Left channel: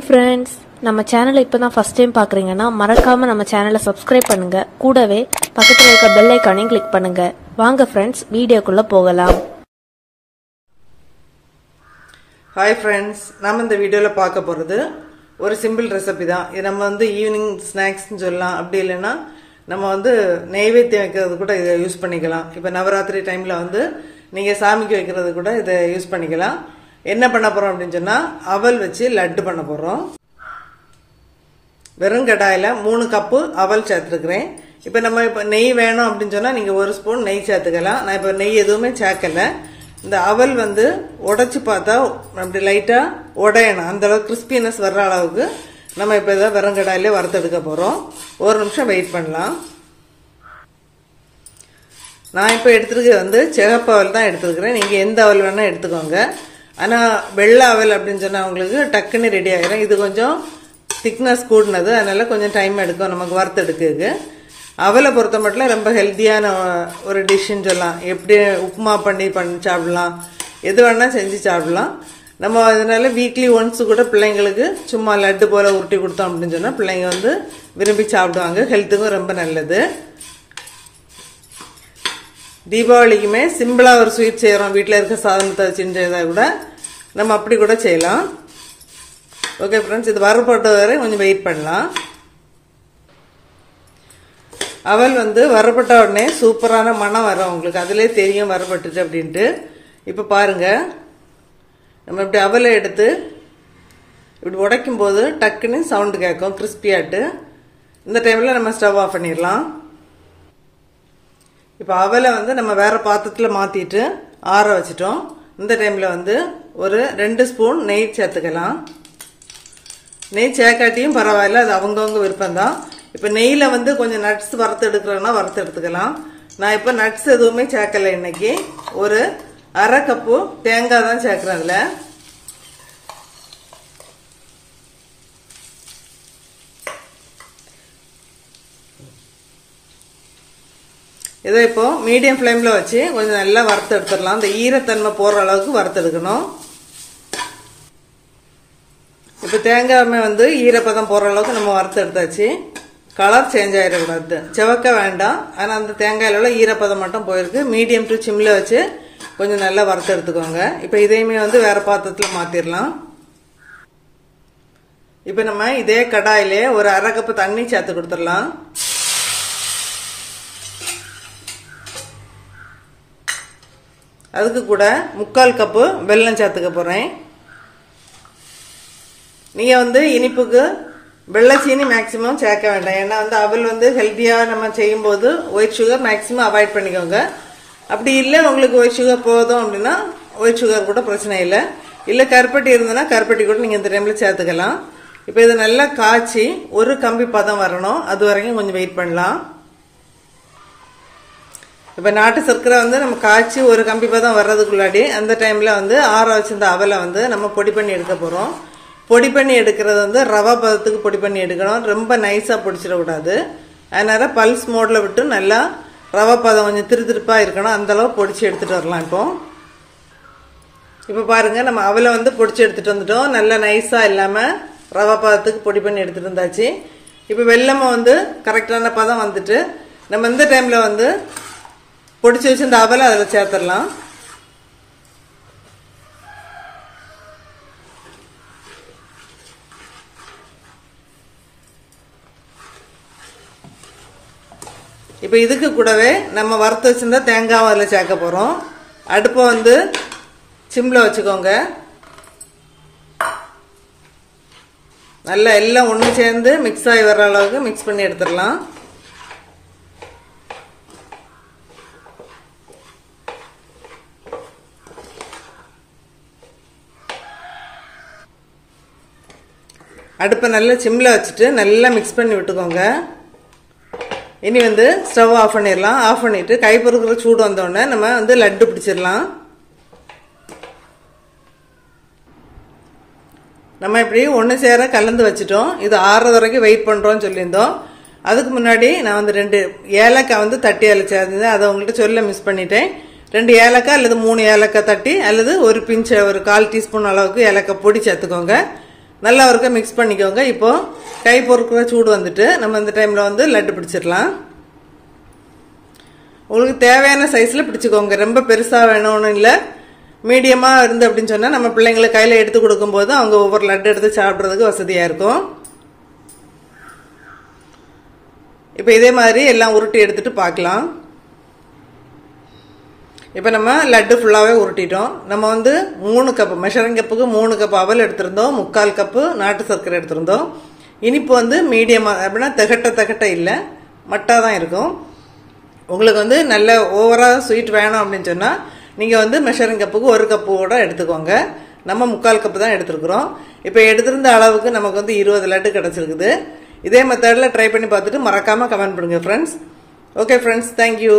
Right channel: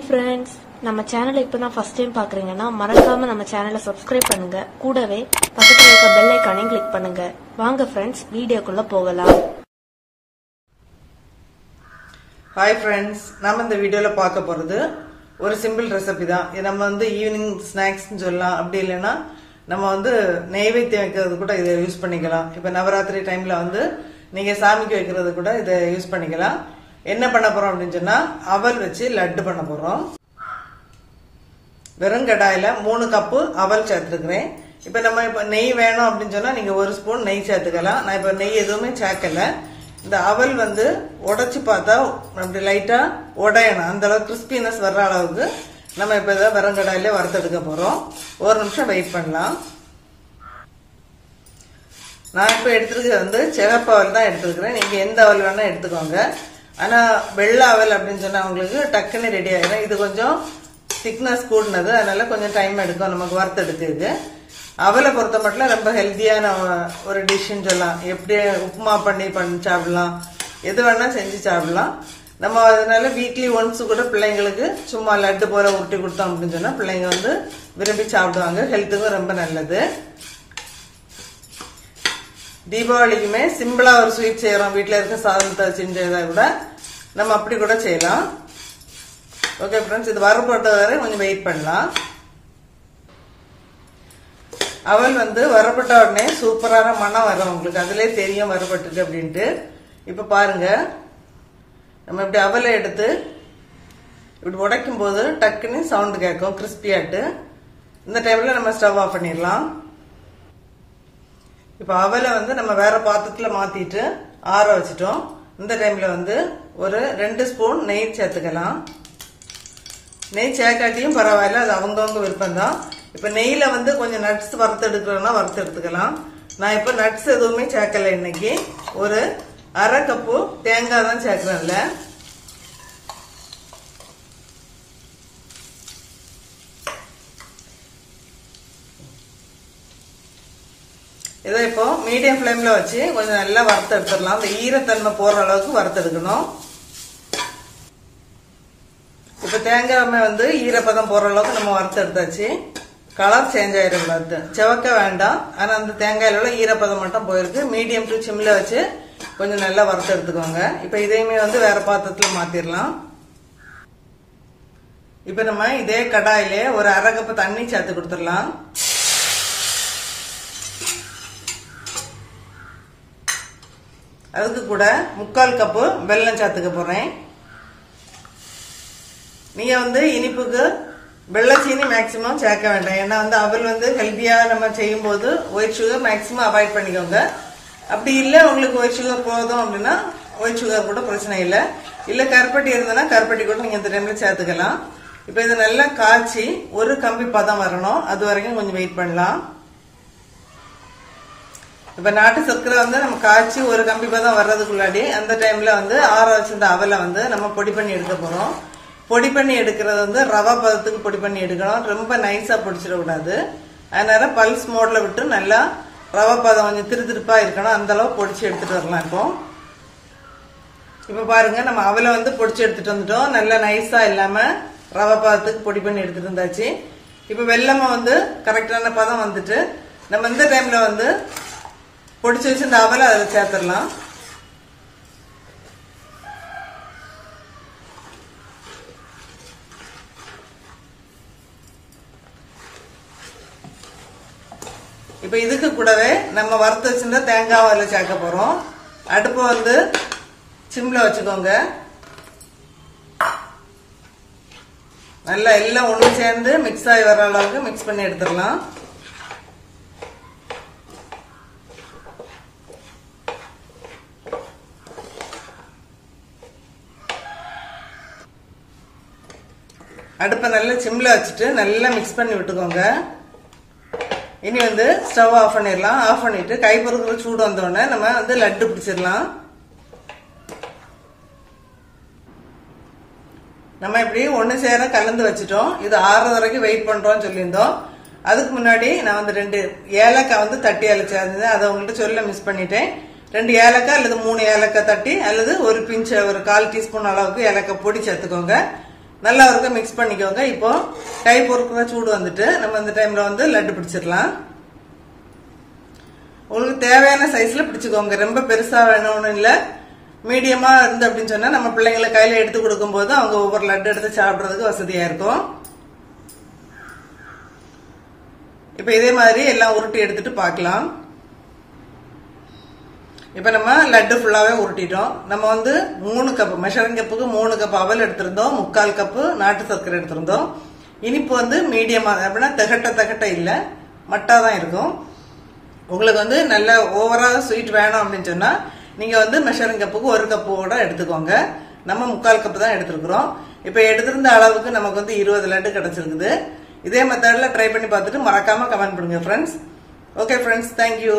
Hi friends, நம்ம சேனலை இப்பதான் ஃபர்ஸ்ட் டைம் பார்க்கறீங்கன்னா மறக்காம நம்ம சேனலை சப்ஸ்கிரைப் பண்ணுங்க. கூடவே பக்கத்துல இருக்க பெல் ஐகானையும் கிளிக் பண்ணுங்க. வாங்க फ्रेंड्स, வீடியோக்குள்ள போகலாம். Hi friends, நாம இந்த வீடியோல பார்க்க போறது ஒரு சிம்பிள் ரெசிபி தான். இது நம்ம ஈவினிங் ஸ்நாக்ஸ்னு சொல்லலாம். அப்படி இல்லைன்னா நம்ம நெய்வேத்தியம் வைக்கிறது கூட இதை யூஸ் பண்ணிக்கலாம். இப்ப நவராத்திரி டைம்ல நீங்க சாமிக்கு வைக்கிறது கூட இதை யூஸ் பண்ணிக்கலாம். என்ன பண்ண போறோம் அப்படின்னு சொன்னா அவல் வச்சு லட்டு பண்ண போறோம். வெறும் கடாயில 3 கப்பு அவல் சேர்த்துக்கிறேன். இப்ப நம்ம நெய் வேணும் அப்படின்னு சொன்னா நீங்க 1 ஸ்பூன் நெய் சேர்த்துக்கலாம். நான் இப்ப நெய் எதுவுமே சேர்க்கல. இந்த அவல் உடைச்சு பார்த்தா அப்படி லைட்டா உடையணும். அந்த அளவுக்கு கிறிஸ்பினஸ் வர்ற அளவுக்கு நம்ம இப்ப இதை வெறும் கடாயில வறுத்தெடுக்க போறோம். 1 நிமிஷம் வெயிட் பண்ணலாம். நான் இப்ப எடுத்துருக்கிறது சிகப்பு அவல் தான் எடுத்துருக்கிறேன். நீங்க எந்த அவல் வேணா எடுத்துக்கோங்க. ஆனா வெள்ளை அவல் அப்படின்னு சொன்னா உங்களுக்கு டக்குன்னு ரெடி ஆகிடும். இது கொஞ்சம் திக்னஸ் கூடினது, அதனால கொஞ்சம் டைம் எடுக்கும் நமக்கு வறுத்தெடுக்கிறதுக்கு. அவலை பொறுத்த மட்டும் ரொம்ப ஹெல்த்தியான ஒரு டிஷ்ன்னு சொல்லலாம். எப்படி உப்புமா பண்ணி சாப்பிடலாம், எது வேணா செஞ்சு சாப்பிடலாம். நம்ம அதனால வீக்லி ஒன்ஸ் கூட பிள்ளைங்களுக்கு சும்மா லட்டு போல உருட்டி கொடுத்தோம் அப்படின்னு சொன்னா பிள்ளைங்க விரும்பி சாப்பிடுவாங்க. ஹெல்த்துக்கும் ரொம்ப நல்லது. தீபாவளிக்குமே சிம்பிளா ஒரு ஸ்வீட் செய்யறோம். வீட்டுல இருக்க சாதனத்தை செஞ்சதை விட நம்ம அப்படி கூட செய்யலாம். ஓகே ஃப்ரெண்ட்ஸ், இது வறுபட்ட வரை கொஞ்சம் வெயிட் பண்ணலாம். அவல் வறுபட்ட உடனே சூப்பரான மனம் வரும் உங்களுக்கு. அதுலயே தெரியும் வறுபட்டுச்சு அப்படின்ட்டு. இப்ப பாருங்க, நம்ம இப்படி அவலை எடுத்து இப்படி உடைக்கும் போது டக்குன்னு சவுண்ட் கேட்கும் கிறிஸ்பியாட்டு. இந்த டைம்ல நம்ம ஸ்டவ் ஆஃப் பண்ணிடலாம். இப்ப அவலை நம்ம வேற பாத்திரத்துல மாத்திட்டு ஆற வச்சிட்டோம். இந்த டைம்ல ஒரு 2 ஸ்பூன் நெய் சேர்த்துக்கலாம். நெய் சேர்க்காட்டியும் பரவாயில்ல, அது அவங்கவுங்க விருப்பம் தான். இப்ப நெய்ல கொஞ்சம் நட்ஸ் வறுத்து எடுக்கிறோம்னா வறுத்து எடுத்துக்கலாம். நான் இப்ப நட்ஸ் எதுவுமே சேர்க்கல. இன்னைக்கு ஒரு அரை கப்பு தேங்காய் தான் சேர்க்கிறேன்ல. இதை இப்போ மீடியம் ஃபிளேம்ல வச்சு கொஞ்சம் நல்லா வறுத்து எடுத்துடலாம். இந்த ஈரத்தன்மை போற அளவுக்கு வறுத்து எடுக்கணும். இப்ப தேங்காய் ஈரப்பதம் போற அளவுக்கு நம்ம வறுத்து எடுத்தாச்சு. கலர் சேஞ்ச் ஆயிடக்கூடாது, செவக்க வேண்டாம். ஆனா அந்த தேங்காயில ஈரப்பதம் மட்டும் போயிருக்கு. மீடியம் டு சிம்ல வச்சு கொஞ்சம் நல்லா வறுத்து எடுத்துக்கோங்க. இப்ப இதையுமே வேற பாத்திரத்துல மாத்திரலாம். இப்ப நம்ம இதே கடாயிலே ஒரு அரை கப்பு தண்ணி சேர்த்து கொடுத்துடலாம். அதுக்கு கூட 3/4 கப்பு வெல்லம் சேர்த்துக்க போறேன். நீங்க இனிப்புக்கு வெள்ளச்சீனி மேக்சிமம் சேர்க்க வேண்டாம். ஏன்னா அவல் ஹெல்த்தியா நம்ம செய்யும் போது ஒயிட் சுகர் மேக்சிமம் அவாய்ட் பண்ணிக்கோங்க. அப்படி இல்ல உங்களுக்கு ஒயிட் சுகர் போதும் அப்படின்னா ஒயிட் சுகர் கூட பிரச்சனை இல்லை. இல்ல கருப்பட்டி இருந்ததுன்னா கருப்பட்டி கூட நீங்க இந்த டைம்ல சேர்த்துக்கலாம். இப்ப இது நல்லா காய்ச்சி ஒரு கம்பி பதம் வரணும். அது வரைக்கும் கொஞ்சம் வெயிட் பண்ணலாம். இப்ப நாட்டு சர்க்கரை நம்ம காய்ச்சி ஒரு கம்பி பதம் வர்றதுக்குள்ளாடி அந்த டைம்ல ஆற வச்சிருந்த அவலை நம்ம பொடி பண்ணி எடுக்க போறோம். பொடி பண்ணி எடுக்கிறது ரவா பதத்துக்கு பொடி பண்ணி எடுக்கணும். ரொம்ப நைஸா பொடிச்சிடக்கூடாது. அதனால பல்ஸ் மோட்ல விட்டு நல்லா ரவா பதம் கொஞ்சம் திருப்பா இருக்கணும். அந்த அளவு பொடிச்சு எடுத்துட்டு வரலாம். இப்ப பாருங்க, நம்ம அவலை பொடிச்சு எடுத்துட்டு வந்துட்டோம். நல்லா நைஸா இல்லாம ரவா பதத்துக்கு பொடி பண்ணி எடுத்துட்டு வந்தாச்சு. இப்ப வெல்லமும் கரெக்டான பதம் வந்துட்டு நம்ம இந்த டைம்ல பொடிச்சு வச்சு இந்த அவலை அதுல சேர்த்துடலாம். இப்ப இதுக்கு கூடவே நம்ம வறுத்து வச்சிருந்தா தேங்காய் அதுல சேர்க்க போறோம். அடுப்பை சிம்ல வச்சுக்கோங்க. நல்லா எல்லாம் ஒண்ணு சேர்ந்து மிக்ஸ் ஆகி வர்ற அளவுக்கு மிக்ஸ் பண்ணி எடுத்துடலாம். அடுப்பை நல்லா சிம்ல வச்சுட்டு நல்லா மிக்ஸ் பண்ணி விட்டுக்கோங்க. இனி ஸ்டவ் ஆஃப் பண்ணிடலாம். ஆஃப் பண்ணிட்டு கை பொறுக்கிற சூடு வந்தோடனே நம்ம லட்டு பிடிச்சிடலாம். நம்ம இப்படி ஒண்ணு சேர கலந்து வச்சுட்டோம். இது ஆறுறது வரைக்கும் வெயிட் பண்றோம்னு சொல்லியிருந்தோம். அதுக்கு முன்னாடி நான் 2 ஏலக்காய் தட்டி அரைச்சிருந்தது. அதை உங்கள்கிட்ட சொல்ல மிஸ் பண்ணிட்டேன். 2 ஏலக்காய் அல்லது 3 ஏலக்காய் தட்டி அல்லது ஒரு பிஞ்ச் ஒரு 1/4 டீஸ்பூன் அளவுக்கு ஏலக்காய் பொடி சேர்த்துக்கோங்க. நல்லா ஒருக்க மிக்ஸ் பண்ணிக்கோங்க. இப்போ கை பொறுக்கிற சூடு வந்துட்டு நம்ம இந்த டைம்ல வந்து லட்டு பிடிச்சிடலாம். உங்களுக்கு தேவையான சைஸ்ல பிடிச்சுக்கோங்க. ரொம்ப பெருசா வேணும்னு இல்ல, மீடியமா இருந்து அப்படின்னு சொன்னா நம்ம பிள்ளைங்களை கையில எடுத்து கொடுக்கும் போது அவங்க ஒவ்வொரு லட்டு எடுத்து சாப்பிடுறதுக்கு வசதியா இருக்கும். இப்ப இதே மாதிரி எல்லாம் உருட்டி எடுத்துட்டு பார்க்கலாம். இப்ப நம்ம லட்டு ஃபுல்லாவே உருட்டிட்டோம். நம்ம வந்து 3 கப் மெஷரிங் கப்புக்கு 3 கப் அவல் எடுத்திருந்தோம், 3/4 கப்பு நாட்டு சர்க்கரை எடுத்திருந்தோம். இனிப்பு வந்து மீடியமா, அப்படின்னா தகட்ட இல்ல, மட்டா தான் இருக்கும். உங்களுக்கு வந்து நல்ல ஓவரா ஸ்வீட் வேணும் அப்படின்னு சொன்னா நீங்க வந்து மெஷரிங் கப்புக்கு 1 கப்போட எடுத்துக்கோங்க. நம்ம 3/4 கப்பு தான் எடுத்திருக்கிறோம். இப்ப எடுத்திருந்த அளவுக்கு நமக்கு வந்து 20 லட்டு கிடைச்சிருக்குது. இதே மெத்தட்ல ட்ரை பண்ணி பார்த்துட்டு மறக்காம கமெண்ட் பண்ணுங்க ஃப்ரெண்ட்ஸ். Okay friends, thank you.